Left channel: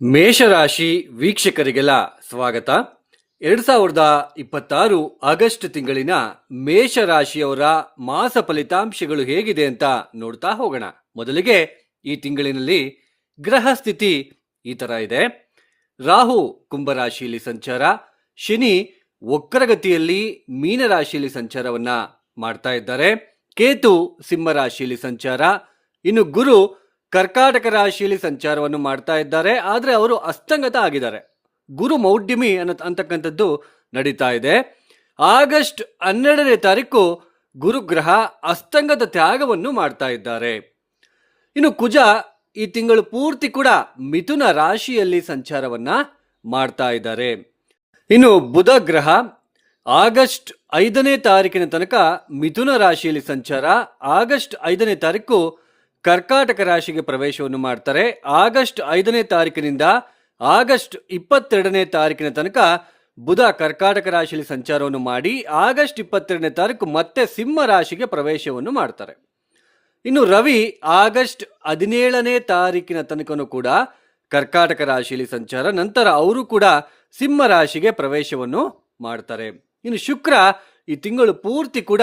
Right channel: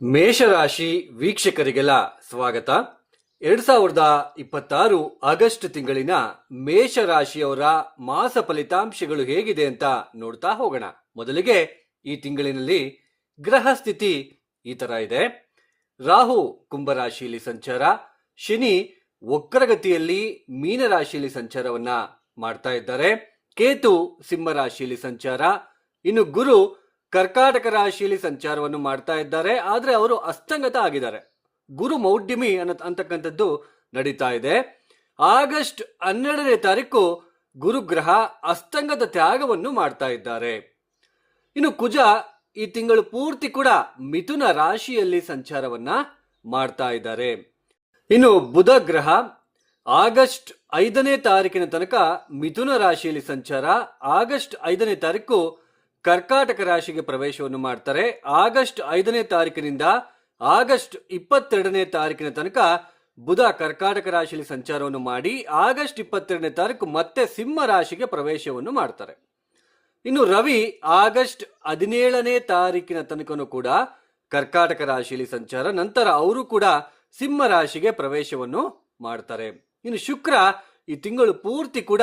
ಮೇಷರಾಶಿ ವೀಕ್ಷಕರಿಗೆಲ್ಲ ಸ್ವಾಗತ. 2026 ಆಗಸ್ಟ್ ತಿಂಗಳಿನ ಮೇಷರಾಶಿಯವರ ಮಾಸ ಫಲಿತಾಂಶಗಳು ಹೇಗಿದೆ ಅಂತ ನೋಡ್ತಾ ಹೋಗೋಣ. ಮೊದಲಿಗೆ ಈ ತಿಂಗಳಿನಲ್ಲಿ ಗ್ರಹ ಸ್ಥಿತಿ ಈ ತರ ಇದೆ. ರಾಹು ಕುಂಭರಾಶಿಯಲ್ಲಿ ಸಂಚಾರ, ಶನಿ ವಕ್ರಗತಿಯಲ್ಲಿ ಮೀನರಾಶಿಯಲ್ಲಿ ಸಂಚಾರವನ್ನ ಮಾಡ್ತಾ ಇದ್ದಾರೆ, ಕೇತು ಸಿಂಹ ರಾಶಿಯಲ್ಲಿ ಸಂಚಾರ, ಇನ್ನು ಗುರು ಕರ್ಕಾಟಕ ರಾಶಿಯಲ್ಲಿ ಸಂಚಾರವನ್ನು ಮಾಡ್ತಾ ಇದ್ದಾರೆ. ಆದರೆ ಅವರು ಅಸ್ತಂಗತ ಆಗಿದ್ದಾರೆ. ಗುರು ಮೌಢ್ಯಮಿ ಅಂತಕ್ಕಂಥದ್ದು ನಡೀತಾ ಇದೆ. ಆಗಸ್ಟ್ 12ನೇ ತಾರೀಕು ಗುರುಗ್ರಹ ಅಸ್ತಂಗತ ತ್ಯಾಗವನ್ನು ಮಾಡ್ತಾ ಇದ್ದಾರೆ. ಇನ್ನು ಕುಜ ಈ ತಿಂಗಳು ಪೂರ್ತಿ ಕೂಡ ಮಿಥುನ ರಾಶಿಯಲ್ಲಿ ಸಂಚಾರವನ್ನ ಮಾಡ್ತಾ ಇದ್ದಾರೆ. ಇನ್ನು ಬುಧ ಗ್ರಹ ಆಗಸ್ಟ್ 5ನೇ ತಾರೀಕಿನ ತನಕ ಮಿಥುನ ರಾಶಿಯಲ್ಲಿ ಸಂಚಾರ, ಆಗಸ್ಟ್ 5ನೇ ತಾರೀಕು ಕರ್ಕಾಟಕ ರಾಶಿಗೆ ಪ್ರವೇಶವನ್ನು ಮಾಡ್ತಾರೆ. ಆಗಸ್ಟ್ 5ನೇ ತಾರೀಕಿನಿಂದ ಆಗಸ್ಟ್ 22ನೇ ತಾರೀಕಿನ ತನಕ ಬುಧ ಕರ್ಕಾಟಕ ರಾಶಿಯಲ್ಲಿ ಸಂಚಾರವನ್ನು ಮಾಡಿ ಆಗಸ್ಟ್ 22ನೇ ತಾರೀಕು ಮತ್ತೆ ಸಿಂಹ ರಾಶಿಗೆ ಪ್ರವೇಶವನ್ನು ಮಾಡ್ತಾರೆ. ಇನ್ನು ರವಿ ಆಗಸ್ಟ್ 17ನೇ ತಾರೀಕಿನ ತನಕನೂ ಕೂಡ ಕರ್ಕಾಟಕ ರಾಶಿಯಲ್ಲಿ ಸಂಚಾರ, ನಂತರ ಅವರು ಕೂಡ ಸಿಂಹ ರಾಶಿಗೆ ಪ್ರವೇಶವನ್ನು ಮಾಡ್ತಾರೆ. ಇನ್ನು ಶುಕ್ರ ಈ ತಿಂಗಳು ಪೂರ್ತಿ ಕೂಡ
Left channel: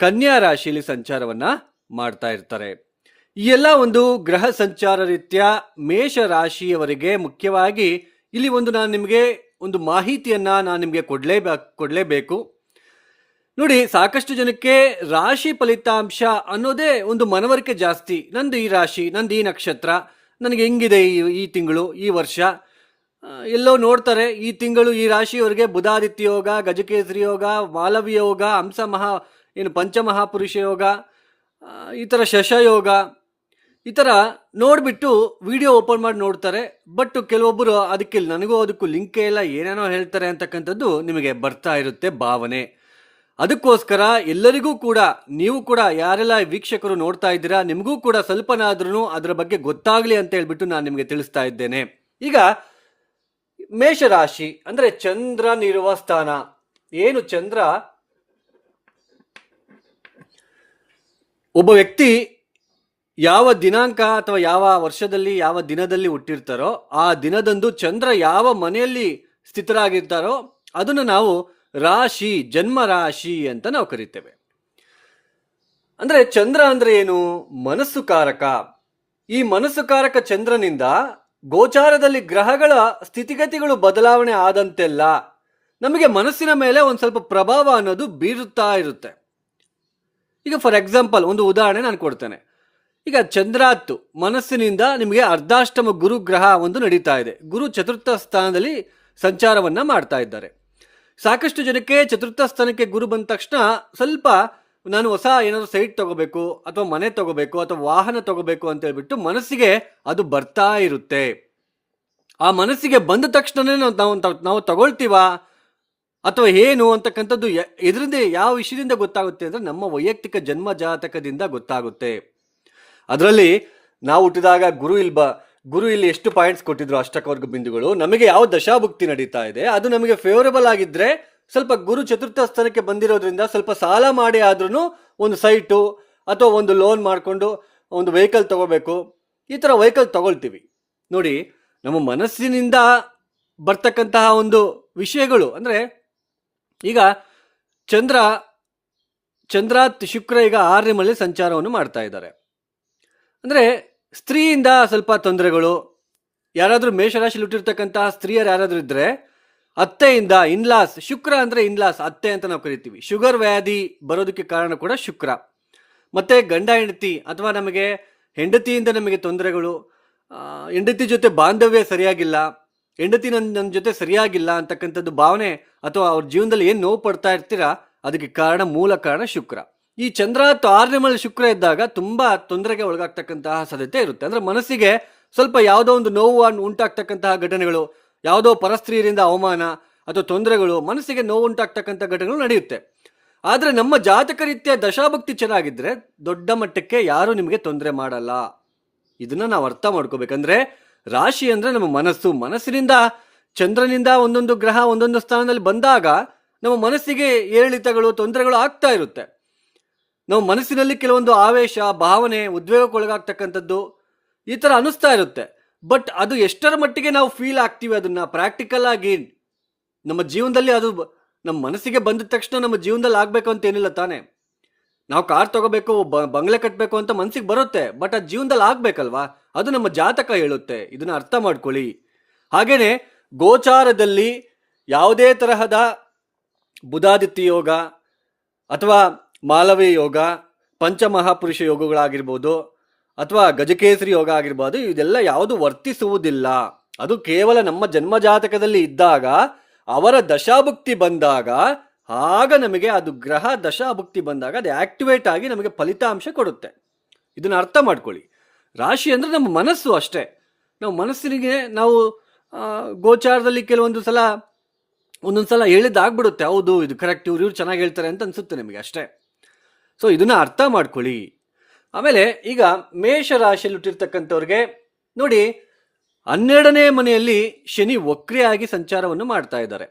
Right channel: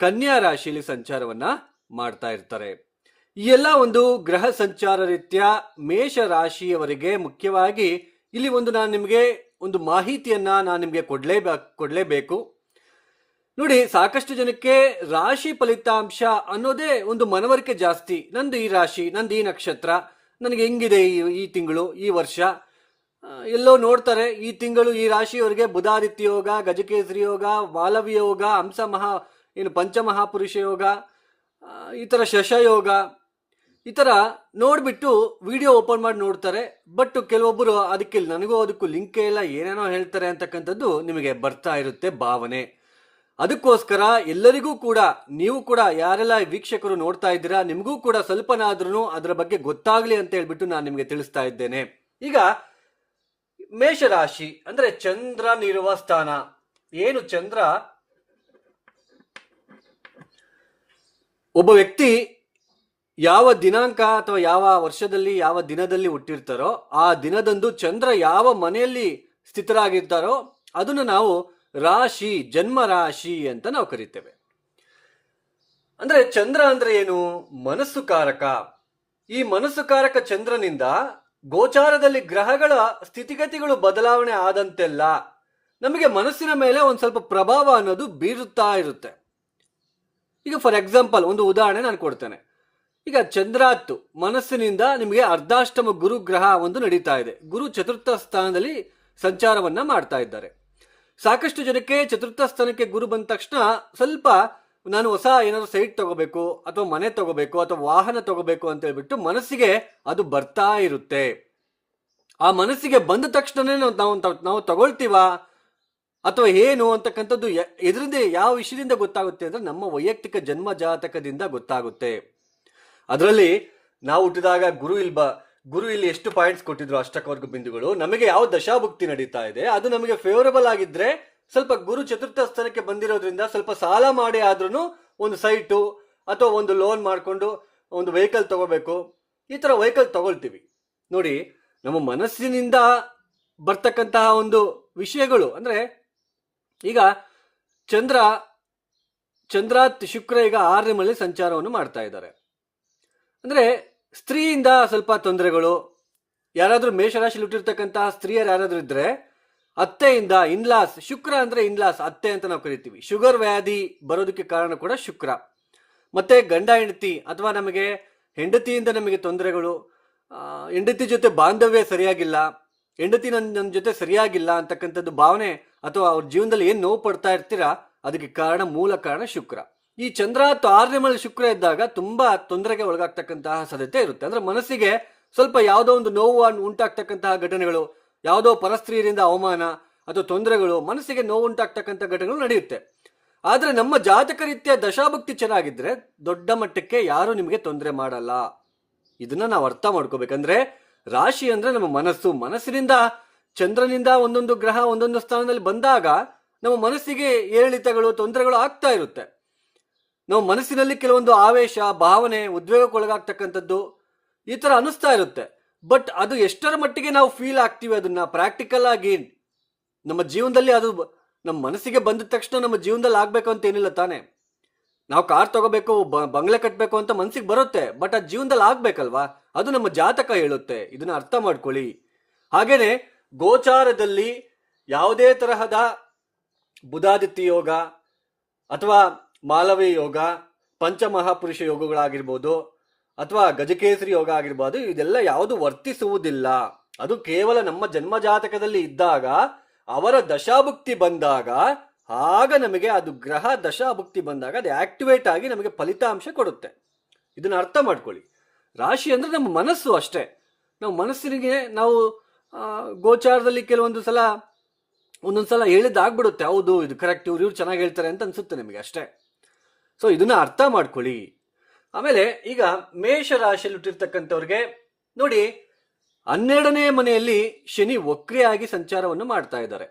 ಕನ್ಯಾ ರಾಶಿಯಲ್ಲಿ ಸಂಚಾರವನ್ನ ಮಾಡ್ತಾ ಇರ್ತಾರೆ. ಈ ಎಲ್ಲ ಒಂದು ಗ್ರಹ ಸಂಚಾರ ರೀತ್ಯ ಮೇಷ ರಾಶಿಯವರಿಗೆ ಮುಖ್ಯವಾಗಿ ಇಲ್ಲಿ ನಾನು ನಿಮಗೆ ಒಂದು ಮಾಹಿತಿಯನ್ನ ನಾನು ನಿಮಗೆ ಕೊಡಲೇಬೇಕು. ನೋಡಿ, ಸಾಕಷ್ಟು ಜನಕ್ಕೆ ರಾಶಿ ಫಲಿತಾಂಶ ಅನ್ನೋದೇ ಒಂದು ಮನವರಿಕೆ ಜಾಸ್ತಿ. ನಂದು ಈ ರಾಶಿ, ನಂದು ಈ ನಕ್ಷತ್ರ, ನನಗೆ ಹೆಂಗಿದೆ ಈ ತಿಂಗಳು, ಈ ವರ್ಷ, ಎಲ್ಲೋ ನೋಡ್ತಾರೆ ಈ ತಿಂಗಳು ಈ ರಾಶಿಯವರಿಗೆ ಬುಧಾದಿತ್ಯ ಯೋಗ, ಗಜಕೇಸರಿ ಯೋಗ, ಮಾಲವಿ ಯೋಗ, ಪಂಚಮಹಾಪುರುಷ ಯೋಗ, ಈ ಥರ ಶಶಯೋಗ, ಈ ಥರ ನೋಡಿಬಿಟ್ಟು ವಿಡಿಯೋ ಓಪನ್ ಮಾಡಿ ನೋಡ್ತಾರೆ. ಬಟ್ ಕೆಲವೊಬ್ಬರು ಅದಕ್ಕೂ ಲಿಂಕೇ ಇಲ್ಲ, ಏನೇನೋ ಹೇಳ್ತಾರೆ ಅಂತಕ್ಕಂಥದ್ದು ನಿಮಗೆ ಬರ್ತಾ ಇರುತ್ತೆ ಭಾವನೆ. ಅದಕ್ಕೋಸ್ಕರ ಎಲ್ಲರಿಗೂ ಕೂಡ, ನೀವು ಕೂಡ ಯಾರೆಲ್ಲ ವೀಕ್ಷಕರು ನೋಡ್ತಾ ಇದ್ದೀರಾ, ನಿಮಗೂ ಕೂಡ ಸ್ವಲ್ಪನಾದ್ರೂ ಅದರ ಬಗ್ಗೆ ಗೊತ್ತಾಗ್ಲಿ ಅಂತ ಹೇಳ್ಬಿಟ್ಟು ನಾನು ನಿಮಗೆ ತಿಳಿಸ್ತಾ ಇದ್ದೇನೆ. ಈಗ ಮೇಷರಾಶಿ ಅಂದ್ರೆ ಚಂದ್ರನಿರುವ ಸ್ಥಾನ ಏನು? ಚಂದ್ರ ಒಬ್ಬ ವ್ಯಕ್ತಿ ಯಾವ ದಿನಾಂಕ ಅಥವಾ ಯಾವ ವರ್ಷದಲ್ಲಿ ಯಾವ ದಿನದಲ್ಲಿ ಹುಟ್ಟಿರ್ತಾರೋ ಆ ದಿನದಂದು ಚಂದ್ರ ಯಾವ ಮನೆಯಲ್ಲಿ ಸ್ಥಿತರಾಗಿರ್ತಾರೋ ಅದನ್ನು ನಾವು ರಾಶಿ, ಜನ್ಮ ರಾಶಿ ಅಂತ ನಾವು ಕರಿತೇವೆ. ಅಂದ್ರೆ ಚಂದ್ರ ಅಂದ್ರೆ ಏನು? ಮನಸ್ಸು ಕಾರಕ. ಈ ಮನಸ್ಸು ಕಾರಕ ಚಂದ್ರನಿಂದ ಗೋಚಾರದಲ್ಲಿ ಗ್ರಹಗಳ ಸ್ಥಿತಿಗತಿಗಳು ಬದಲಾವಣೆ ಆದಂತೆಲ್ಲ ನಮಗೆ ಮನಸ್ಸಿನ ಮೇಲೆ ಒಂದು ಸ್ವಲ್ಪ ಪ್ರಭಾವ ಅನ್ನೋದು ಬೀರುತ್ತಾ ಇರುತ್ತೆ. ಈಗ ಫಾರ್ ಎಕ್ಸಾಂಪಲ್ ಒಂದು ಉದಾಹರಣೆ ನಾನು ಕೊಡ್ತೇನೆ. ಈಗ ಚಂದ್ರಾತ್ತು ಮನಸ್ಸಿನಿಂದ ನಿಮಗೆ ಅರ್ಧಾಷ್ಟಮ ಗುರುಗ್ರಹ ಒಂದು ನಡೀತಾ ಇದೆ. ಗುರು ಚತುರ್ಥ ಸ್ಥಾನದಲ್ಲಿ ಸಂಚಾರವನ್ನ ಮಾಡ್ತಾ ಇದ್ದಾರೆ. ಸಾಕಷ್ಟು ಜನಕ್ಕೆ ಚತುರ್ಥ ಸ್ಥಾನಕ್ಕೆ ಗುರು ಬಂದ ತಕ್ಷಣ ಸ್ವಲ್ಪ ನಾನು ಹೊಸ ಏನಾದರೂ ಸೈಟ್ ತಗೋಬೇಕು ಅಥವಾ ಮನೆ ತಗೋಬೇಕು ಅಥವಾ ವಾಹನ ತಗೋಬೇಕು ಅಂತ ಹೇಳ್ಬಿಟ್ಟು ಮನಸ್ಸಿಗೆ ಅದು ಬರ್ತಾ ಇರುತ್ತೆ. ಆ ಮನಸ್ಸಿಗೆ ಬಂದ ತಕ್ಷಣನೇ ನಾವು ತಗೊಳ್ತೀವಾ ಅಥವಾ ಏನು ಅಂತಕ್ಕಂಥದ್ದು ಇದರಿಂದ ಯಾವ ವಿಷಯದಿಂದ ಗೊತ್ತಾಗುತ್ತೆ ಅಂದ್ರೆ ನಮ್ಮ ವೈಯಕ್ತಿಕ ಜನ್ಮ ಜಾತಕದಿಂದ ಗೊತ್ತಾಗುತ್ತೆ. ಅದರಲ್ಲಿ ನಾವು ಹುಟ್ಟಿದಾಗ ಗುರು ಇಲ್ಲಿ ಎಷ್ಟು ಪಾಯಿಂಟ್ಸ್ ಕೊಟ್ಟಿದ್ರು, ಅಷ್ಟಕವರ್ಗ ಬಿಂದುಗಳು, ನಮಗೆ ಯಾವ ದಶಾಭುಕ್ತಿ ನಡೀತಾ ಇದೆ ಅದು ನಮಗೆ ಫೇವರಬಲ್ ಆಗಿದ್ರೆ ಸ್ವಲ್ಪ ಗುರು ಚತುರ್ಥ ಸ್ಥಾನಕ್ಕೆ ಬಂದಿರೋದ್ರಿಂದ ಸ್ವಲ್ಪ ಸಾಲ ಮಾಡಿ ಆದ್ರೂ ಒಂದು ಸೈಟು ಅಥವಾ ಒಂದು ಲೋನ್ ಮಾಡಿಕೊಂಡು ಒಂದು ವೆಹಿಕಲ್ ತಗೋಬೇಕು, ಈ ಥರ ವೆಹಿಕಲ್ ತಗೊಳ್ತೀವಿ. ನೋಡಿ, ನಮ್ಮ ಮನಸ್ಸಿನಿಂದ ಬರ್ತಕ್ಕಂತಹ ಒಂದು ವಿಷಯಗಳು ಅಂದ್ರೆ ಈಗ ಚಂದ್ರಾತ್ ಶುಕ್ರ ಈಗ 6ನೇ ಮನೆಯಲ್ಲಿ ಸಂಚಾರವನ್ನು ಮಾಡ್ತಾ ಇದ್ದಾರೆ. ಅಂದ್ರೆ ಸ್ತ್ರೀಯಿಂದ ಸ್ವಲ್ಪ ತೊಂದರೆಗಳು, ಯಾರಾದ್ರೂ ಮೇಷರಾಶಿಯಲ್ಲಿ ಹುಟ್ಟಿರ್ತಕ್ಕಂತಹ ಸ್ತ್ರೀಯರು ಯಾರಾದ್ರೂ ಇದ್ರೆ ಅತ್ತೆಯಿಂದ, ಇನ್ಲಾಸ್, ಶುಕ್ರ ಅಂದ್ರೆ ಇನ್ಲಾಸ್, ಅತ್ತೆ ಅಂತ ನಾವು ಕರಿತೀವಿ. ಶುಗರ್ ವ್ಯಾಧಿ ಬರೋದಕ್ಕೆ ಕಾರಣ ಕೂಡ ಶುಕ್ರ. ಮತ್ತೆ ಗಂಡ ಹೆಂಡತಿ ಅಥವಾ ನಮಗೆ ಹೆಂಡತಿಯಿಂದ ನಮಗೆ ತೊಂದರೆಗಳು, ಹೆಂಡತಿ ಜೊತೆ ಬಾಂಧವ್ಯ ಸರಿಯಾಗಿಲ್ಲ, ಹೆಂಡತಿ ನನ್ನ ಜೊತೆ ಸರಿಯಾಗಿಲ್ಲ ಅಂತಕ್ಕಂಥದ್ದು ಭಾವನೆ, ಅಥವಾ ಅವ್ರ ಜೀವನದಲ್ಲಿ ಏನು ನೋವು ಪಡ್ತಾ ಇರ್ತೀರಾ ಅದಕ್ಕೆ ಮೂಲ ಕಾರಣ ಶುಕ್ರ. ಈ ಚಂದ್ರಾತ್ 6ನೇ ಮನೆಯಲ್ಲಿ ಶುಕ್ರ ಇದ್ದಾಗ ತುಂಬಾ ತೊಂದರೆಗೆ ಒಳಗಾಗ್ತಕ್ಕಂತಹ ಸಾಧ್ಯತೆ ಇರುತ್ತೆ. ಅಂದ್ರೆ ಮನಸ್ಸಿಗೆ ಸ್ವಲ್ಪ ಯಾವುದೋ ಒಂದು ನೋವು ಉಂಟಾಗ್ತಕ್ಕಂತಹ ಘಟನೆಗಳು, ಯಾವುದೋ ಪರಸ್ತ್ರೀಯರಿಂದ ಅವಮಾನ ಅಥವಾ ತೊಂದರೆಗಳು, ಮನಸ್ಸಿಗೆ ನೋವು ಉಂಟಾಗ್ತಕ್ಕಂಥ ಘಟನೆಗಳು ನಡೆಯುತ್ತೆ. ಆದ್ರೆ ನಮ್ಮ ಜಾತಕ ರೀತಿಯ ದಶಾಭಕ್ತಿ ಚೆನ್ನಾಗಿದ್ರೆ ದೊಡ್ಡ ಮಟ್ಟಕ್ಕೆ ಯಾರು ನಿಮಗೆ ತೊಂದರೆ ಮಾಡಲ್ಲ. ಇದನ್ನ ನಾವು ಅರ್ಥ ಮಾಡ್ಕೋಬೇಕಂದ್ರೆ ರಾಶಿ ಅಂದ್ರೆ ನಮ್ಮ ಮನಸ್ಸಿನಿಂದ ಚಂದ್ರನಿಂದ ಒಂದೊಂದು ಗ್ರಹ ಒಂದೊಂದು ಸ್ಥಾನದಲ್ಲಿ ಬಂದಾಗ ನಮ್ಮ ಮನಸ್ಸಿಗೆ ಏರಿಳಿತಗಳು, ತೊಂದರೆಗಳು ಆಗ್ತಾ ಇರುತ್ತೆ. ನಾವು ಮನಸ್ಸಿನಲ್ಲಿ ಕೆಲವೊಂದು ಆವೇಶ, ಭಾವನೆ, ಉದ್ವೇಗಕ್ಕೊಳಗಾಗ್ತಕ್ಕಂಥದ್ದು ಈ ತರ ಅನಿಸ್ತಾ ಇರುತ್ತೆ. ಬಟ್ ಅದು ಎಷ್ಟರ ಮಟ್ಟಿಗೆ ನಾವು ಫೀಲ್ ಆಗ್ತೀವಿ ಅದನ್ನ ಪ್ರಾಕ್ಟಿಕಲ್ ಆಗಿ ನಮ್ಮ ಜೀವನದಲ್ಲಿ ಅದು ನಮ್ಮ ಮನಸ್ಸಿಗೆ ಬಂದ ತಕ್ಷಣ ನಮ್ಮ ಜೀವನದಲ್ಲಿ ಆಗ್ಬೇಕು ಅಂತ ಏನಿಲ್ಲ ತಾನೆ. ನಾವು ಕಾರ್ ತಗೋಬೇಕು, ಬಂಗ್ಲೆ ಕಟ್ಟಬೇಕು ಅಂತ ಮನಸ್ಸಿಗೆ ಬರುತ್ತೆ, ಬಟ್ ಅದು ಜೀವನದಲ್ಲಿ ಆಗ್ಬೇಕಲ್ವಾ? ಅದು ನಮ್ಮ ಜಾತಕ ಹೇಳುತ್ತೆ. ಇದನ್ನ ಅರ್ಥ ಮಾಡ್ಕೊಳ್ಳಿ. ಹಾಗೇನೆ ಗೋಚಾರದಲ್ಲಿ ಯಾವುದೇ ತರಹದ ಬುಧಾದಿತ್ಯ ಯೋಗ ಅಥವಾ ಮಾಲವಿ ಯೋಗ, ಪಂಚಮಹಾಪುರುಷ ಯೋಗಗಳಾಗಿರ್ಬೋದು ಅಥವಾ ಗಜಕೇಸರಿ ಯೋಗ ಆಗಿರ್ಬೋದು, ಇದೆಲ್ಲ ಯಾವುದು ವರ್ತಿಸುವುದಿಲ್ಲ. ಅದು ಕೇವಲ ನಮ್ಮ ಜನ್ಮ ಜಾತಕದಲ್ಲಿ ಇದ್ದಾಗ, ಅವರ ದಶಾಭುಕ್ತಿ ಬಂದಾಗ, ಆಗ ನಮಗೆ ಅದು ಗ್ರಹ ದಶಾಭುಕ್ತಿ ಬಂದಾಗ ಅದು ಆಕ್ಟಿವೇಟ್ ಆಗಿ ನಮಗೆ ಫಲಿತಾಂಶ ಕೊಡುತ್ತೆ. ಇದನ್ನ ಅರ್ಥ ಮಾಡ್ಕೊಳ್ಳಿ. ರಾಶಿ ಅಂದ್ರೆ ನಮ್ಮ ಮನಸ್ಸು ಅಷ್ಟೇ. ನಾವು ಮನಸ್ಸಿಗೆ ನಾವು ಗೋಚಾರದಲ್ಲಿ ಒಂದೊಂದು ಸಲ ಹೇಳಿದಾಗ್ಬಿಡುತ್ತೆ, ಹೌದು ಇದು ಕರೆಕ್ಟ್, ಇವ್ರು ಚೆನ್ನಾಗಿ ಹೇಳ್ತಾರೆ ಅಂತ ಅನ್ಸುತ್ತೆ ನಿಮಗೆ ಅಷ್ಟೇ. ಸೊ ಇದನ್ನ ಅರ್ಥ ಮಾಡ್ಕೊಳ್ಳಿ. ಆಮೇಲೆ ಈಗ ಮೇಷ ರಾಶಿಯಲ್ಲಿ ಹುಟ್ಟಿರ್ತಕ್ಕಂಥವ್ರಿಗೆ ನೋಡಿ, 12ನೇ ಮನೆಯಲ್ಲಿ ಶನಿ ವಕ್ರಿಯಾಗಿ ಸಂಚಾರವನ್ನು ಮಾಡ್ತಾ ಇದ್ದಾರೆ.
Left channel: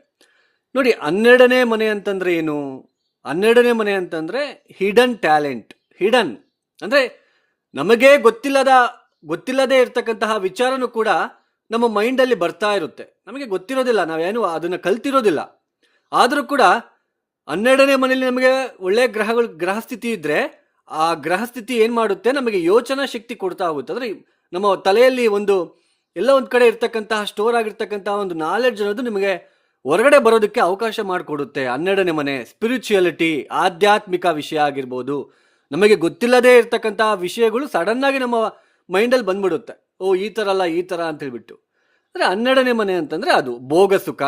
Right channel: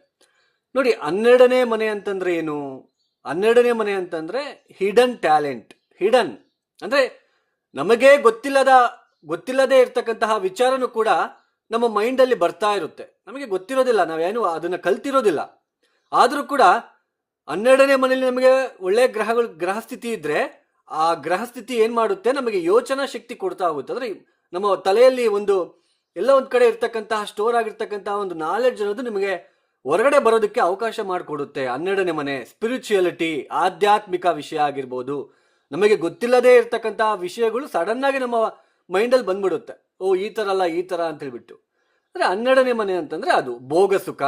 ನೋಡಿ, 12ನೇ ಮನೆ ಅಂತಂದ್ರೆ ಏನು? 12ನೇ ಮನೆ ಅಂತಂದ್ರೆ ಹಿಡನ್ ಟ್ಯಾಲೆಂಟ್. ಹಿಡನ್ ಅಂದ್ರೆ ನಮಗೆ ಗೊತ್ತಿಲ್ಲದೆ ಇರ್ತಕ್ಕಂತಹ ವಿಚಾರನೂ ಕೂಡ ನಮ್ಮ ಮೈಂಡಲ್ಲಿ ಬರ್ತಾ ಇರುತ್ತೆ. ನಮಗೆ ಗೊತ್ತಿರೋದಿಲ್ಲ, ನಾವೇನು ಅದನ್ನ ಕಲ್ತಿರೋದಿಲ್ಲ. ಆದರೂ ಕೂಡ 12ನೇ ಮನೆಯಲ್ಲಿ ನಮಗೆ ಒಳ್ಳೆ ಗ್ರಹ ಸ್ಥಿತಿ ಇದ್ರೆ ಆ ಗ್ರಹ ಸ್ಥಿತಿ ಏನ್ ಮಾಡುತ್ತೆ, ನಮಗೆ ಯೋಚನಾ ಶಕ್ತಿ ಕೊಡ್ತಾ ಹೋಗುತ್ತೆ. ಅಂದ್ರೆ ನಮ್ಮ ತಲೆಯಲ್ಲಿ ಎಲ್ಲ ಒಂದ್ ಕಡೆ ಇರ್ತಕ್ಕಂತಹ ಸ್ಟೋರ್ ಆಗಿರ್ತಕ್ಕಂತಹ ಒಂದು ನಾಲೆಡ್ಜ್ ಅನ್ನೋದು ನಿಮಗೆ ಹೊರಗಡೆ ಬರೋದಕ್ಕೆ ಅವಕಾಶ ಮಾಡಿಕೊಡುತ್ತೆ. 12ನೇ ಮನೆ ಸ್ಪಿರಿಚುಯಾಲಿಟಿ, ಆಧ್ಯಾತ್ಮಿಕ ವಿಷಯ ಆಗಿರ್ಬೋದು, ನಮಗೆ ಗೊತ್ತಿಲ್ಲದೆ ಇರ್ತಕ್ಕಂತಹ ವಿಷಯಗಳು ಸಡನ್ ಆಗಿ ನಮ್ಮ ಮೈಂಡಲ್ಲಿ ಬಂದ್ಬಿಡುತ್ತೆ. ಓ ಈ ತರ ಅಲ್ಲ, ಈ ತರ ಅಂತ ಹೇಳ್ಬಿಟ್ಟು. ಅಂದ್ರೆ 12ನೇ ಮನೆ ಅಂತಂದ್ರೆ ಅದು ಭೋಗ ಸುಖ,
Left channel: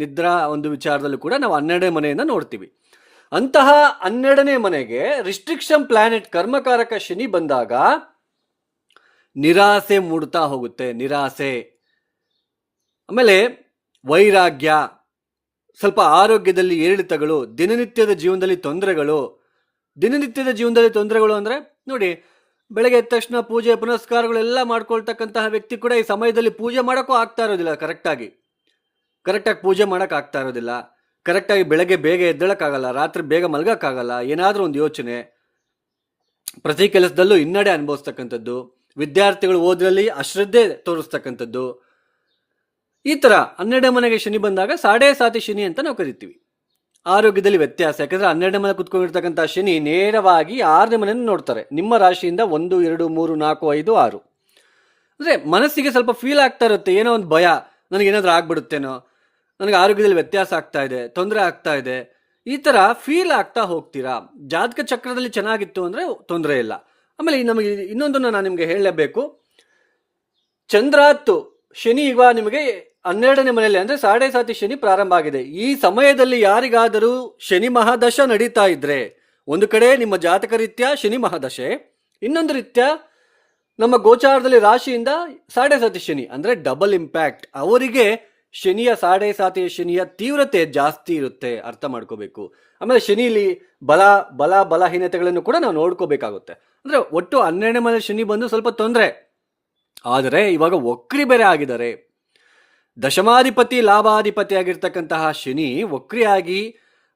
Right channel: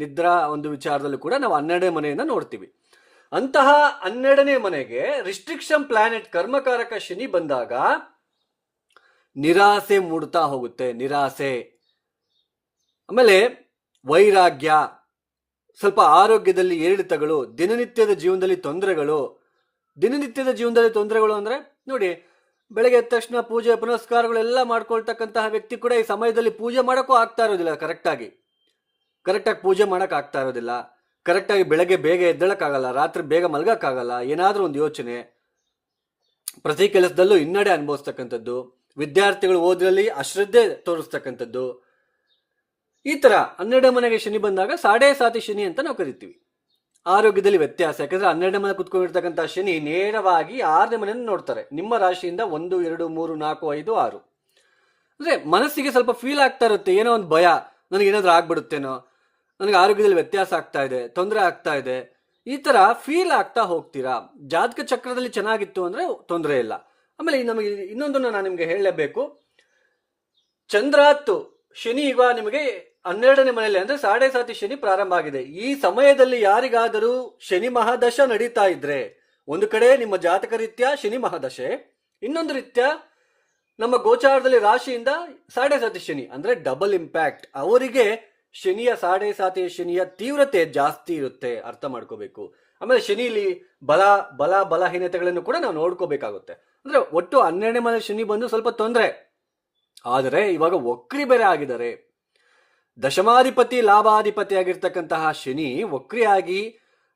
ನಿದ್ರಾ ಒಂದು ವಿಚಾರದಲ್ಲೂ ಕೂಡ ನಾವು 12ನೇ ಮನೆಯನ್ನ ನೋಡ್ತೀವಿ. ಅಂತಹ 12ನೇ ಮನೆಗೆ ರಿಸ್ಟ್ರಿಕ್ಷನ್ ಪ್ಲಾನೆಟ್ ಕರ್ಮಕಾರಕ ಶನಿ ಬಂದಾಗ ನಿರಾಸೆ ಮೂಡ್ತಾ ಹೋಗುತ್ತೆ. ನಿರಾಸೆ, ಆಮೇಲೆ ವೈರಾಗ್ಯ, ಸ್ವಲ್ಪ ಆರೋಗ್ಯದಲ್ಲಿ ಏರಿಳಿತಗಳು, ದಿನನಿತ್ಯದ ಜೀವನದಲ್ಲಿ ತೊಂದರೆಗಳು ಅಂದ್ರೆ ನೋಡಿ, ಬೆಳಗ್ಗೆ ಎದ್ದ ತಕ್ಷಣ ಪೂಜೆ ಪುನಸ್ಕಾರಗಳೆಲ್ಲ ಮಾಡ್ಕೊಳ್ತಕ್ಕಂತಹ ವ್ಯಕ್ತಿ ಕೂಡ ಈ ಸಮಯದಲ್ಲಿ ಪೂಜೆ ಮಾಡೋಕ್ಕೂ ಆಗ್ತಾ ಇರೋದಿಲ್ಲ. ಕರೆಕ್ಟಾಗಿ ಪೂಜೆ ಮಾಡಕ್ ಆಗ್ತಾ ಇರೋದಿಲ್ಲ. ಕರೆಕ್ಟಾಗಿ ಬೆಳಗ್ಗೆ ಬೇಗ ಎದ್ದೇಳಕ್ಕಾಗಲ್ಲ, ರಾತ್ರಿ ಬೇಗ ಮಲಗಕ್ಕಾಗಲ್ಲ. ಏನಾದ್ರೂ ಒಂದು ಯೋಚನೆ, ಪ್ರತಿ ಕೆಲಸದಲ್ಲೂ ಹಿನ್ನಡೆ ಅನುಭವಿಸ್ತಕ್ಕಂಥದ್ದು, ವಿದ್ಯಾರ್ಥಿಗಳು ಓದ್ರಲ್ಲಿ ಅಶ್ರದ್ಧೆ ತೋರಿಸ್ತಕ್ಕಂಥದ್ದು. ಈ ತರ 12ನೇ ಮನೆಗೆ ಶನಿ ಬಂದಾಗ ಸಾಡೆ ಸಾತಿ ಶನಿ ಅಂತ ನಾವು ಕರಿತೀವಿ. ಆರೋಗ್ಯದಲ್ಲಿ ವ್ಯತ್ಯಾಸ, ಯಾಕಂದ್ರೆ 12ನೇ ಮನೆ ಕುತ್ಕೊಂಡಿರ್ತಕ್ಕಂಥ ಶನಿ ನೇರವಾಗಿ 6ನೇ ಮನೆಯನ್ನು ನೋಡ್ತಾರೆ. ನಿಮ್ಮ ರಾಶಿಯಿಂದ 1, 2, 3, 4, 5, 6. ಅಂದ್ರೆ ಮನಸ್ಸಿಗೆ ಸ್ವಲ್ಪ ಫೀಲ್ ಆಗ್ತಾ ಇರುತ್ತೆ, ಏನೋ ಒಂದು ಭಯ, ನನಗೇನಾದ್ರೂ ಆಗ್ಬಿಡುತ್ತೇನೋ, ನನಗೆ ಆರೋಗ್ಯದಲ್ಲಿ ವ್ಯತ್ಯಾಸ ಆಗ್ತಾ ಇದೆ, ತೊಂದರೆ ಆಗ್ತಾ ಇದೆ, ಈ ತರ ಫೀಲ್ ಆಗ್ತಾ ಹೋಗ್ತೀರಾ. ಜಾತಕ ಚಕ್ರದಲ್ಲಿ ಚೆನ್ನಾಗಿತ್ತು ಅಂದ್ರೆ ತೊಂದರೆ ಇಲ್ಲ. ಆಮೇಲೆ ನಮಗೆ ಇನ್ನೊಂದನ್ನು ನಾನು ನಿಮ್ಗೆ ಹೇಳಲೇಬೇಕು. ಚಂದ್ರಾತ್ತು ಶನಿ ಈಗ ನಿಮಗೆ 12ನೇ ಮನೆಯಲ್ಲಿ ಅಂದ್ರೆ ಸಾಡೆ ಸಾತಿ ಶನಿ ಪ್ರಾರಂಭ ಆಗಿದೆ. ಈ ಸಮಯದಲ್ಲಿ ಯಾರಿಗಾದರೂ ಶನಿ ಮಹಾದಶ ನಡೀತಾ ಇದ್ರೆ, ಒಂದು ಕಡೆ ನಿಮ್ಮ ಜಾತಕ ರೀತ್ಯ ಶನಿ ಮಹಾದಶೆ, ಇನ್ನೊಂದು ರೀತ್ಯ ನಮ್ಮ ಗೋಚಾರದಲ್ಲಿ ರಾಶಿಯಿಂದ ಸಾಡೆ ಸಾತಿ ಶನಿ ಅಂದ್ರೆ ಡಬಲ್ ಇಂಪ್ಯಾಕ್ಟ್. ಅವರಿಗೆ ಶನಿಯ ಸಾಡೆ ಸಾತಿಯ ಶನಿಯ ತೀವ್ರತೆ ಜಾಸ್ತಿ ಇರುತ್ತೆ, ಅರ್ಥ ಮಾಡ್ಕೋಬೇಕು. ಆಮೇಲೆ ಶನಿಲಿ ಬಲಹೀನತೆಗಳನ್ನು ಕೂಡ ನಾವು ನೋಡ್ಕೋಬೇಕಾಗುತ್ತೆ. ಅಂದ್ರೆ ಒಟ್ಟು 12ನೇ ಮನೆ ಶನಿ ಬಂದು ಸ್ವಲ್ಪ ತೊಂದರೆ. ಆದರೆ ಇವಾಗ ವಕ್ರಿ ಬೇರೆ ಆಗಿದ್ದಾರೆ. ದಶಮಾಧಿಪತಿ ಲಾಭಾಧಿಪತಿ ಆಗಿರ್ತಕ್ಕಂತಹ ಶನಿ ವಕ್ರಿಯಾಗಿ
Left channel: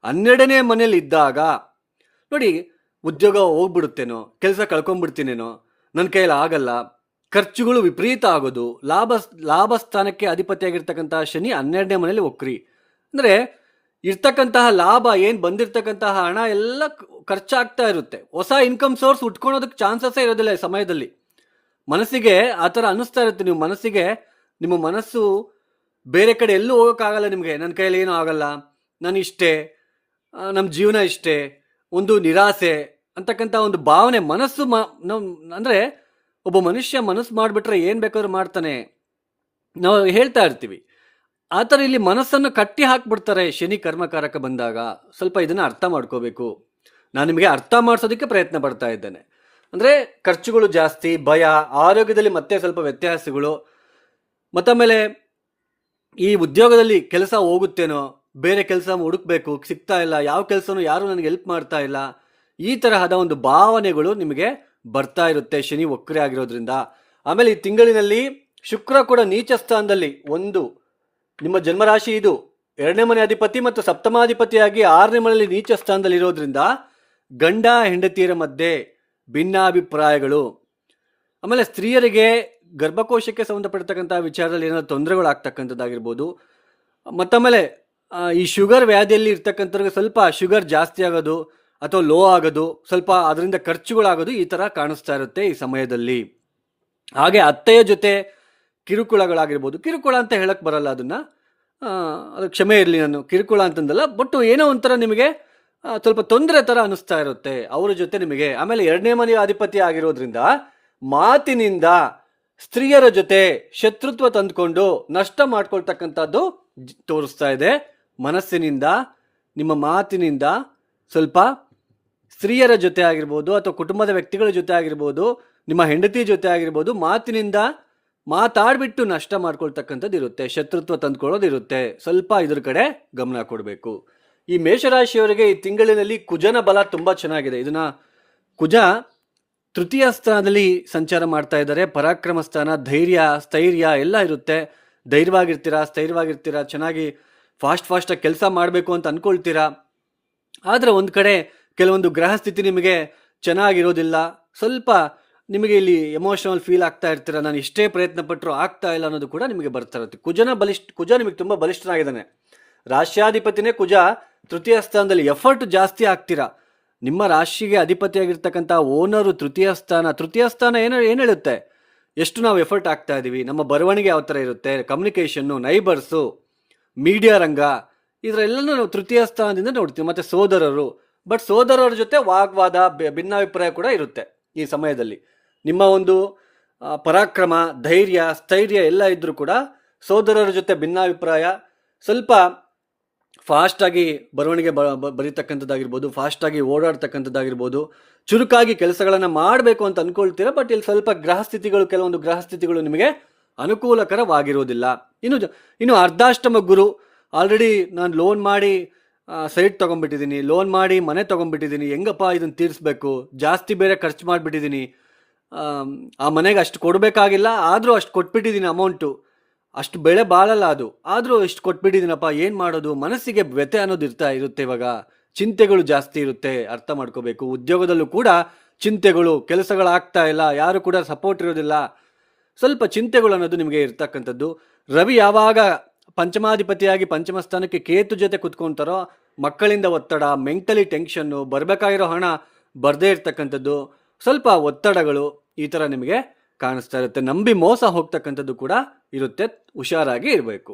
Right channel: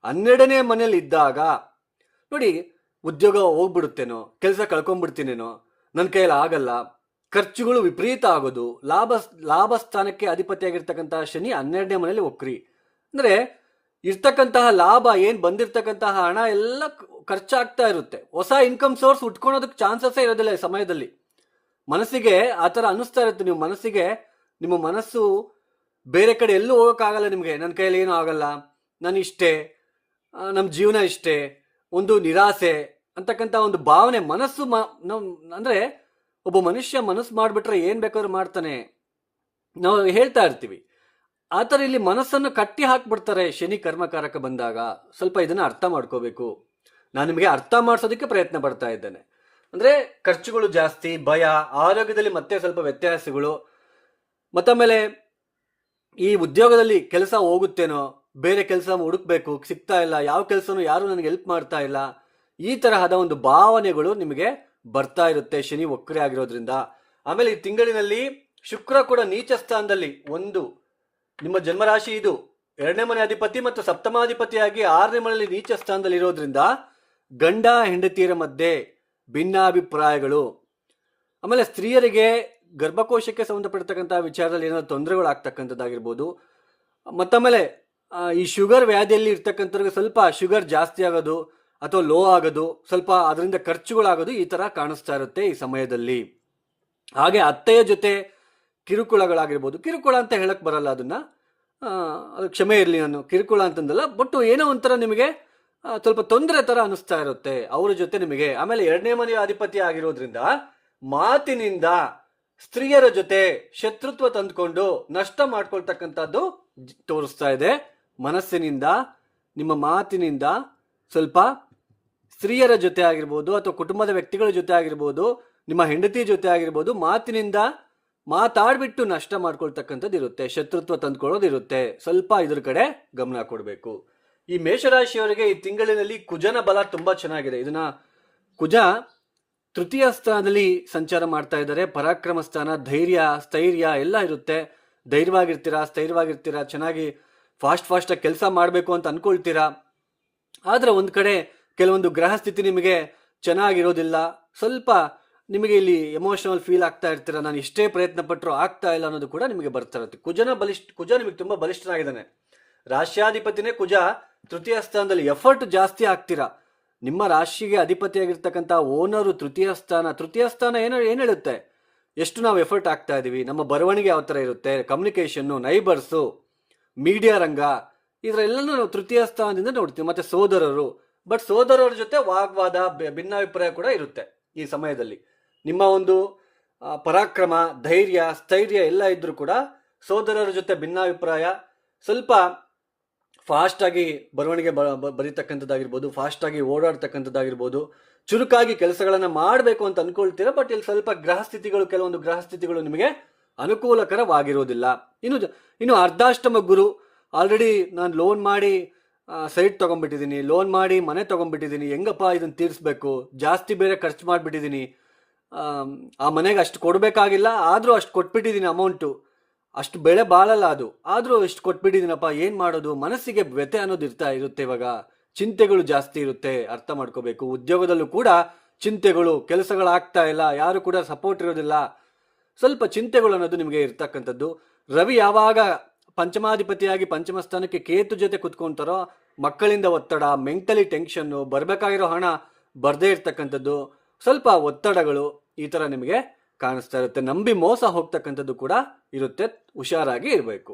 12ನೇ ಮನೇಲಿ ಇದ್ದಾಗ ನೋಡಿ, ಉದ್ಯೋಗ ಹೋಗ್ಬಿಡುತ್ತೇನೋ, ಕೆಲಸ ಕಳ್ಕೊಂಡ್ಬಿಡ್ತೀನೇನೋ, ನನ್ನ ಕೈಯಲ್ಲಿ ಆಗಲ್ಲ, ಖರ್ಚುಗಳು ವಿಪರೀತ ಆಗೋದು, ಲಾಭ ಸ್ಥಾನಕ್ಕೆ ಅಧಿಪತಿಯಾಗಿರ್ತಕ್ಕಂತಹ ಶನಿ 12ನೇ ಮನೇಲಿ ವಕ್ರಿ ಅಂದ್ರೆ ಇರ್ತಕ್ಕಂತಹ ಲಾಭ, ಏನ್ ಬಂದಿರ್ತಕ್ಕಂತಹ ಹಣ ಎಲ್ಲ ಖರ್ಚಾಗ್ತಾ ಇರುತ್ತೆ. ಹೊಸ ಇನ್ಕಮ್ ಸೋರ್ಸ್ ಉಟ್ಕೊಳೋದಕ್ಕೆ ಚಾನ್ಸಸ್ಸೇ ಇರೋದಿಲ್ಲ ಈ ಸಮಯದಲ್ಲಿ. ಮನಸ್ಸಿಗೆ ಆ ಥರ ಅನ್ನಿಸ್ತಾ ಇರುತ್ತೆ. ನಿಮ್ಮ ಮನಸ್ಸು ಬೇರೆ ಕಡೆ ಎಲ್ಲೂ ಹೋಗೋಕ್ಕಾಗಲ್ಲ ನಿಮಗೆ. ನನ್ನ ಕೈಯಲ್ಲಿ ಏನೂ ಆಗಲ್ಲ, ನಾನು ಇಷ್ಟೇ, ನಮ್ಮ ಜೀವನ ಇಷ್ಟೇ, ಒಂದು ನಿರಾಸೆ ಅಂತಕ್ಕಂಥ ಒಂದು ಭಾವನೆ ಮನಸ್ಸು ಅಂದ್ರೆ ಒಬ್ಬ ಮನುಷ್ಯ ಮನಸ್ಸು ಮಾಡಿಬಿಟ್ರೆ ಏನು ಬೇಕಾದ್ರೂ ಮಾಡ್ತಾನೆ, ನಾವು ಹೇಳ್ತಾ ಇರ್ತೀವಿ. ಆ ಥರ ಇಲ್ಲಿ ಮನಸ್ಸನ್ನು ಕಟ್ಟಿ ಹಾಕ್ಬಿಡ್ತಾರೆ ಶನಿ ಕರ್ಮಕಾರಕ ಬಂದಾಗ. ಸ್ವಲ್ಪ ಇದನ್ನು ಅರ್ಥ ಮಾಡ್ಕೋಬೇಕು. ನಾನು ನಿಮಗೆ ಅರ್ಥ ಮಾಡಿಸೋದಕ್ಕೆ ಪ್ರಯತ್ನ ಪಡ್ತಾ ಇದ್ದೇನೆ. ಅಂದರೆ ಖರ್ಚುಗಳು ಜಾಸ್ತಿ, ಭಯ, ಆರೋಗ್ಯದಲ್ಲಿ ಮತ್ತೆ ಸ್ವಲ್ಪ ವ್ಯತ್ಯಾಸಗಳು, ಮತ್ತಮೇಲೆ ಈ ಉದ್ಯೋಗದಲ್ಲಿ ಕೆಲಸ ಹೋಗುತ್ತೇನೋ, ಬೇರೆ ಕೆಲಸ ಹುಡುಕ್ಬೇಕು, ಸಿಗ್ತಾ ಇಲ್ಲ, ಯಾವ ಕೆಲಸನೂ ಯಾರು ನನಗೆ ಹೆಲ್ಪ್ ಮಾಡ್ತಾ ಇಲ್ಲ, ಈ ತರಹದ ಒಂದು ಭಾವನೆಗಳು ನಿಮಗೆ ಬರ್ತಾ ಇರುತ್ತೆ ಶನಿ ವಕ್ರಿ ಆಗಿರೋದ್ರಿಂದ. ಆಮೇಲೆ ಈ ತಿಂಗಳಿನಲ್ಲಿ ಶುಕ್ರ ಕೂಡ ನೀಚ ಸ್ಥಾನದಲ್ಲಿ, ಒಂದು ನಿಮ್ಮ ಜನ್ಮರಾಶಿ ಇದು 2ನೇ ಮನೆ ಅಧಿಪತಿ ಮತ್ತು ಸಪ್ತಮಾಧಿಪತಿಯಾಗಿ 6ನೇ ಮನೆಯಲ್ಲಿ ನೀಚ ಸ್ಥಾನದಲ್ಲಿ ಇರೋದ್ರಿಂದ ಗಂಡ ಹೆಂಡತಿಯರ ಮಧ್ಯೆ ಭಿನ್ನಾಭಿಪ್ರಾಯಗಳು, ಆಮೇಲೆ ಸ್ತ್ರೀಯರಿಗೆ ಗರ್ಭಕೋಶಕ್ಕೆ ಸಂಬಂಧಪಟ್ಟಿರ್ತಕ್ಕಂಥ ವಿಚಾರದಲ್ಲಿ ಏನಾದ್ರು ತೊಂದರೆಗಳಾಗ್ತಕ್ಕಂಥದ್ದಾಗಿರ್ಬೋದು. ಮತ್ತಾಮೇಲೆ ಈ ಶುಗರ್ ವ್ಯಾಧಿಯಲ್ಲಿ ಇರ್ತಕ್ಕಂಥವ್ರಿಗೆ ಸ್ವಲ್ಪ ಶುಗರ್ ಜಾಸ್ತಿ ಆಗೋದು ಅಥವಾ ಲೋ ಆಗೋದು, ಸ್ವಲ್ಪ ಅದರಿಂದ ಖರ್ಚುಗಳಾಗೋದು ಈ ಥರ ಕಾಣಿಸ್ತಾ ಇರುತ್ತೆ ಈ ಸಮಯದಲ್ಲಿ. ಹಾಗೆ ಅತ್ತೆಯ ಜೊತೆ ಕಿರುಕುಳಗಳಾಗಿರ್ಬೋದು. ಕಿರುಕುಳ ಅಂತ ಹೇಳಕ್ ಬರಲ್ಲ ಅದನ್ನ, ಅದು ಕ್ಷಮೆ ಇರಲಿ, ನಾನು ಕಿರುಕುಳ ಅಂತಂದಲ್ಲ, ಬಟ್ ಏನೋ ಒಂಥರ ನಿಮಗೆ ಸ್ವಲ್ಪ ತೊಂದರೆ ಥರ ಅನಿಸ್ತಾ ಇರುತ್ತೆ ಅವ್ರ ಜೊತೆ ನಿಮಗೆ. ಆಮೇಲೆ 2ನೇ ಮನೆಯ ಅಧಿಪತಿ ಆಗಿರೋದ್ರಿಂದ ಮಾತಿನಿಂದ ಸ್ತ್ರೀಯರ ಜೊತೆ ಶತ್ರುತ್ವ ತಂದುಕೊಂಡು ನಷ್ಟ ಮಾಡ್ಕೊಳ್ತಕ್ಕಂಥದ್ದು ತೋರಿಸ್ತಾ ಇದೆ. ಮನಸ್ಸಿನಿಂದ, ನಿಮ್ಮ ಮಾತಿನಿಂದ ಸ್ವಲ್ಪ ಸ್ತ್ರೀಯರ ಜೊತೆ ಆಗಿರ್ಬೋದು ಅಥವಾ ಕುಟುಂಬದ ವ್ಯಕ್ತಿಗಳ ಜೊತೆ ಆಗಿರ್ಬೋದು, ನಿಮ್ಮ ಹೆಂಡತಿ ಜೊತೆ ಆಗಿರ್ಬೋದು, ಮಾತಿನಿಂದ ಮಾತಾಡ್ಬಿಟ್ಟು ನಷ್ಟ ಮಾಡ್ಕೊಳ್ತಕ್ಕಂಥದ್ದು ಇರುತ್ತೆ, ಶತ್ರುತ್ವ ತಂದ್ಕೊಳ್ಳೋದು ಇರುತ್ತೆ. ಸ್ವಲ್ಪ ಇದ್ರ ಕಡೆ ಗಮನ ಕೊಡಬೇಕು. ಈ ಮೇಷರಾಶಿಯವರಿಗೆ ಈ ತಿಂಗಳಿನಲ್ಲಿ ಕುಜನ ಬಲ ತುಂಬಾ ಚೆನ್ನಾಗಿದೆ. ಇದನ್ನ ಕುಜ ತೃತೀಯ ಸ್ಥಾನದಲ್ಲಿ ಸಂಚಾರ ಮಾಡ್ತಾ ಇದ್ದಾರೆ. ಪರಾಕ್ರಮ ಸ್ಥಾನ, ಧೈರ್ಯ, ಸ್ಥೈರ್ಯ ಎಲ್ಲ ಇರುತ್ತೆ. ಧೈರ್ಯವಾಗಿರ್ತೀರಾ, ಸ್ಥೈರ್ಯವಾಗಿರ್ತೀರಾ, ಚೆನ್ನಾಗಿ ಫಾಸ್ಟಾಗಿ ಕೆಲಸ ಮಾಡಬೇಕು ಅಂತ ಅನ್ಕೊಳ್ತೀರಾ. ಆದರೆ ಒಂದು ಕಡೆ ಕೆಲವೊಂದು ಗ್ರಹ ಸ್ಥಿತಿ ನಿಮಗೆ ಚೆನ್ನಾಗಿರೋದಿಲ್ಲ. ಸ್ವಲ್ಪ ನಿಮಗೆ ಇಲ್ಲಿ ಎಮೋಷನಲ್ ಫೀಲ್ ಆಗ್ತಾ ಇರ್ತೀರ, ನಾನು ಎಷ್ಟೇ ಪ್ರಯತ್ನ ಪಟ್ಟರು ಆಗ್ತಾ ಇಲ್ಲ ಅನ್ನೋದು ಕೂಡ ನಿಮಗೆ ಬರ್ತಾ ಇರುತ್ತೆ. ಕುಜ ನಿಮಗೆ ತುಂಬ ಬಲಿಷ್ಠನಾಗಿದ್ದಾನೆ. ರಾಶ್ಯಾಧಿಪತಿನೇ ಕುಜ ತೃತೀಯ ಸ್ಥಾನದಲ್ಲಿ, ಎಫರ್ಟ್ ಜಾಸ್ತಿ ಆಗ್ತೀರಾ. ನಿಮ್ಮ ರಾಶಿಗೆ ಅಧಿಪತಿಯಾಗಿರ್ತಕ್ಕಂಥ ಓನರು ತೃತೀಯ ಸ್ಥಾನ ಏನು ಹೇಳುತ್ತೆ, ಎಷ್ಟು ನಾವು ಎಫರ್ಟ್ ಆಗ್ತಾ ಇದ್ದೀವಿ, ನಮ್ಮ ಬರವಣಿಗೆ ಯಾವ ಥರ ಇರುತ್ತೆ, ಕಮ್ಯುನಿಕೇಷನ್ನು, ನೈಬರ್ಸು, ಮೀಡಿಯಾ ರಂಗ, ಇದರೆಲ್ಲನೂ ನಾವು ತೃತೀಯ ಸ್ಥಾನದಿಂದ ನೋಡ್ತೀವಿ. ಮತ್ತು ಸೋದರರು, ಬಟ್ ಸೋದರರ ಜೊತೆ ವಾಗ್ವಾದ, ಭಿನ್ನಾಭಿಪ್ರಾಯ ಕೂಡ ಇರುತ್ತೆ ಈ ಸಮಯದಲ್ಲಿ. ನಿಮ್ಮ ಒಂದು ಪರಾಕ್ರಮ, ಧೈರ್ಯ, ಸ್ಥೈರ್ಯ ಎಲ್ಲ ಇದ್ರೂ ಕೂಡ ಸೋದರರ ಜೊತೆ ಭಿನ್ನಾಭಿಪ್ರಾಯ, ಸ್ವಲ್ಪ ಫಾಸ್ಟಾಗಿ ಬರವಣಿಗೆ ಬರೀತಕ್ಕಂಥದ್ದಾಗಿರ್ಬೋದು, ಫಾಸ್ಟಾಗಿ ಓಡಾಡ್ತಕ್ಕಂಥದ್ದಾಗಿರ್ಬೋದು, ಚುರುಕಾಗಿ ಕೆಲಸಗಳನ್ನು ಮಾಡಬೇಕು ಅಂತ ಅಂದ್ಕೊಳ್ತೀರಾ. ಬಟ್ ಇಲ್ಲಿ ಸ್ವಲ್ಪ ಕೆಲವೊಂದು ಗ್ರಹಸ್ಥಿತಿಗಳು ನಿಮಗೆ ಅನುಕೂಲಕರವಾಗಿರೋದಿಲ್ಲ. ಇನ್ನು ಅರ್ಧಾಷ್ಟಮ ಗುರು, ಆಲ್ರೆಡಿ ನಾನು ಲೋನ್ ಮಾಡಿ ಸೈಟ್ ತೊಗೊಂಡ್ಬಿಟ್ಟಿದ್ದೀನಿ, ಲೋನ್ ಮಾಡಿ ಮನೆ ತೊಗೊಂಡ್ಬಿಟ್ಟಿದ್ದೀನಿ, ಹೆಂಗಪ್ಪ ಇದನ್ನು ತೀರಿಸ್ಬೇಕು, ಜಾಸ್ತಿ ಬೇರೆ ಖರ್ಚು ಮಾಡಿಬಿಟ್ಟಿದ್ದೀನಿ, ಆ ಮನೆಗೆ ಅಷ್ಟು ಕೊಡಬೇಕಾಗಿಲ್ಲ ಆದರೂ ಅಷ್ಟು ಕೊಟ್ಬಿಟ್ಟಿದ್ದೀನಿ, ಅಮೌಂಟು ಅಷ್ಟು ಬೆಳೆ ಬಾಳಲ್ಲ ಅದು, ಆದರೂ ಇಷ್ಟು ಕೊಟ್ಬಿಟ್ಟಿದ್ದೀನಪ್ಪ, ಏನು ಮಾಡೋದು, ಮನಸ್ಸಿಗೆ ವ್ಯಥೆ ಅನ್ನೋದು ಇರುತ್ತೆ. ಇವಾಗ ಚಿಂತೆಗಳು ಜಾಸ್ತಿ ಇರುತ್ತೆ, ಅರ್ಥ ಮಾಡ್ಕೋಬೇಕು. ಉದ್ಯೋಗದಲ್ಲೂ ಕೂಡ ಚಿಂತೆಗಳು, ಕೆಲಸಗಳಾಗ್ತಾ ಇಲ್ಲ, ಯಾರು ಕೂಡ ಸಪೋರ್ಟ್ ಇರೋದಿಲ್ಲ, ಸ್ವಲ್ಪ ಚಿಂತೆಗಳು ಅನ್ನೋದು ನಿಮಗೆ ಇರ್ತಕ್ಕಂಥದ್ದು. ರವಿ ಯಾವಾಗ ಪಂಚಮಾಧಿಪತಿಯಾಗಿ ಪಂಚಮ ಸ್ಥಾನಕ್ಕೆ ಕೇತು ಜೊತೆ ಕುತ್ಕೊಂತಾರೋ, ಮಕ್ಕಳಿಂದ ಒತ್ತಡ, ಮೆಂಟಲಿ ಟೆನ್ಷನ್ನು, ಬರಬೇಕಾಗಿರೋ ಹಣ ಬರದೇ ಇರ್ತಕ್ಕಂಥದ್ದು, ಸ್ವಲ್ಪ ಒತ್ತಡಗಳು ಈ ಥರ ನಿಮಗೆ ಕಾಣಿಸ್ತಾ ಇರುತ್ತೆ. ನಂಬಿ ಮೋಸ ಹೋಗ್ತಕ್ಕಂಥದ್ದು ಕೂಡ ಇರುತ್ತೆ, ಹುಷಾರಾಗಿ ಇರಬೇಕು.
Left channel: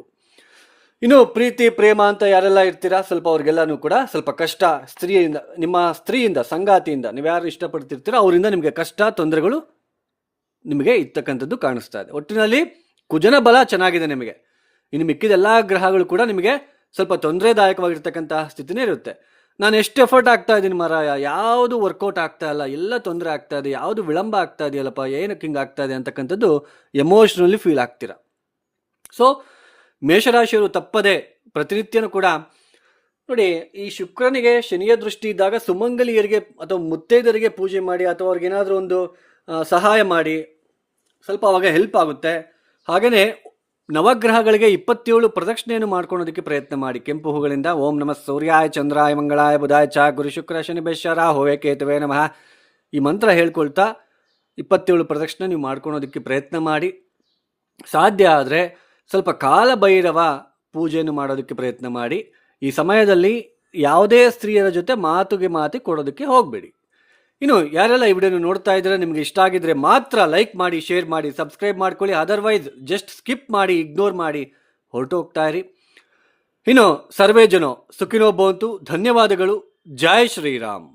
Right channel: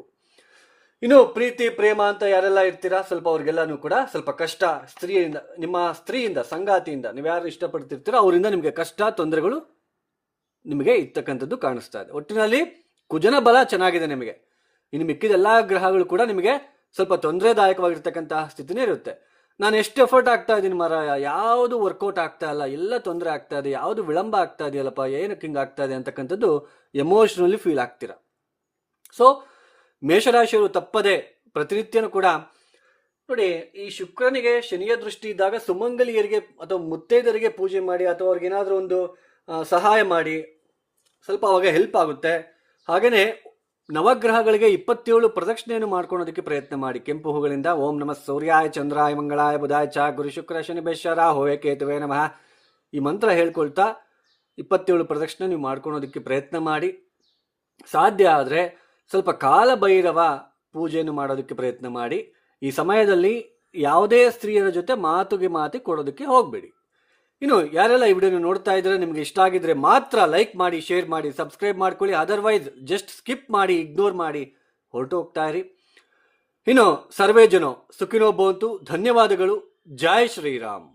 ಇನ್ನು ಪ್ರೀತಿ ಪ್ರೇಮ ಅಂತ ಯಾರೆಲ್ಲ ಇರ್ತೀರಾ, ಸ್ವಲ್ಪ ಅವ್ರಿಗೆಲ್ಲನೂ ಕೂಡ ಸ್ವಲ್ಪ ಕಷ್ಟ, ನಿಮ್ಮ ಸ್ತ್ರೀಯಿಂದ, ಸಂಗಾತಿಯಿಂದ, ನೀವು ಯಾರು ಇಷ್ಟಪಡ್ತಿರ್ತೀರೋ ಅವರಿಂದ ನಿಮಗೆ ಕಷ್ಟ, ತೊಂದರೆಗಳು ನಿಮಗೆ ಇರ್ತಕ್ಕಂಥದ್ದು ಕಾಣಿಸ್ತಾ ಇದೆ. ಒಟ್ಟಿನಲ್ಲಿ ಕುಜನ ಬಲ ಚೆನ್ನಾಗಿದೆ ನಿಮಗೆ. ಇನ್ನು ಮಿಕ್ಕಿದ ಎಲ್ಲ ಗ್ರಹಗಳು ಕೂಡ ನಿಮಗೆ ಸ್ವಲ್ಪ ತೊಂದರೆದಾಯಕವಾಗಿರ್ತಕ್ಕಂತಹ ಸ್ಥಿತಿನೇ ಇರುತ್ತೆ. ನಾನು ಎಷ್ಟು ಎಫರ್ಟ್ ಆಗ್ತಾ ಇದ್ದೀನಿ ಮಾರಾಯ, ಯಾವುದು ವರ್ಕೌಟ್ ಆಗ್ತಾ ಇಲ್ಲ, ಎಲ್ಲ ತೊಂದರೆ ಆಗ್ತಾ ಇದೆ, ಯಾವುದು ವಿಳಂಬ ಆಗ್ತಾ ಇದೆಯಲ್ಲಪ್ಪ, ಏನಕ್ಕೆ ಹಿಂಗೆ ಆಗ್ತಾ ಇದೆ ಅಂತಕ್ಕಂಥದ್ದು ಎಮೋಷ್ನಲಿ ಫೀಲ್ ಆಗ್ತೀರಾ. ಸೊ ಮೇಷರಾಶಿಯವರು ತಪ್ಪದೆ ಪ್ರತಿನಿತ್ಯನೂ ಕೂಡ ನೋಡಿ, ಈ ಶುಕ್ರನಿಗೆ ಶನಿಯ ದೃಷ್ಟಿ ಇದ್ದಾಗ ಸುಮಂಗಲಿಯರಿಗೆ ಅಥವಾ ಮುತ್ತೈದರಿಗೆ ಪೂಜೆ ಮಾಡಿ ಅಥವಾ ಅವ್ರಿಗೇನಾದರೂ ಒಂದು ಸಹಾಯ ಮಾಡಿ, ಸ್ವಲ್ಪ ಅವಾಗ ಹೆಲ್ಪ್ ಆಗುತ್ತೆ. ಹಾಗೆಯೇ ನವಗ್ರಹಗಳಿಗೆ 27 ಪ್ರದಕ್ಷಿಣೆಯನ್ನು ಮಾಡ್ಕೊಳೋದಕ್ಕೆ ಪ್ರಯತ್ನ ಮಾಡಿ. ಕೆಂಪು ಹೂಗಳಿಂದ ಓಂ ನಮಃ ಸೂರ್ಯಾಯ ಚಂದ್ರಾಯ ಮಂಗಳಾಯ ಬುಧಾಯ ಚ ಗುರು ಶುಕ್ರ ಶನಿ ಬೇಶ್ವರ ಹೋವೆ ಕೇತುವೆ ನಮಃ ಈ ಮಂತ್ರ ಹೇಳ್ಕೊಳ್ತಾ 27 ಪ್ರದಕ್ಷಿಣೆ ನೀವು ಮಾಡ್ಕೊಳೋದಕ್ಕೆ ಪ್ರಯತ್ನ ಮಾಡಿ. ಸಾಧ್ಯ ಆದರೆ ಸ್ವಲ್ಪ ಕಾಲಭೈರವ ಪೂಜೆಯನ್ನು ಮಾಡೋದಕ್ಕೆ ಪ್ರಯತ್ನ ಮಾಡಿ. ಈ ಸಮಯದಲ್ಲಿ ಯಾವುದೇ ಸ್ತ್ರೀಯರ ಜೊತೆ ಮಾತು ಕೊಡೋದಕ್ಕೆ ಹೋಗಬೇಡಿ. ಇನ್ನು ಯಾರೆಲ್ಲ ಈ ವಿಡಿಯೋನ ನೋಡ್ತಾ ಇದ್ರೆ, ನಿಮ್ಗೆ ಇಷ್ಟ ಆಗಿದ್ರೆ ಮಾತ್ರ ಲೈಕ್ ಮಾಡಿ, ಶೇರ್ ಮಾಡಿ, ಸಬ್ಸ್ಕ್ರೈಬ್ ಮಾಡ್ಕೊಳ್ಳಿ. ಅದರ್ವೈಸ್ ಜಸ್ಟ್ ಸ್ಕಿಪ್ ಮಾಡಿ, ಇಗ್ನೋರ್ ಮಾಡಿ ಹೊರಟು ಹೋಗ್ತಾ ಇರಿ. ಇನ್ನು ಸರ್ವೇ ಜನೋ ಸುಖಿನೋ ಭವಂತು. ಧನ್ಯವಾದಗಳು. ಜೈ ಶ್ರೀರಾಮ್.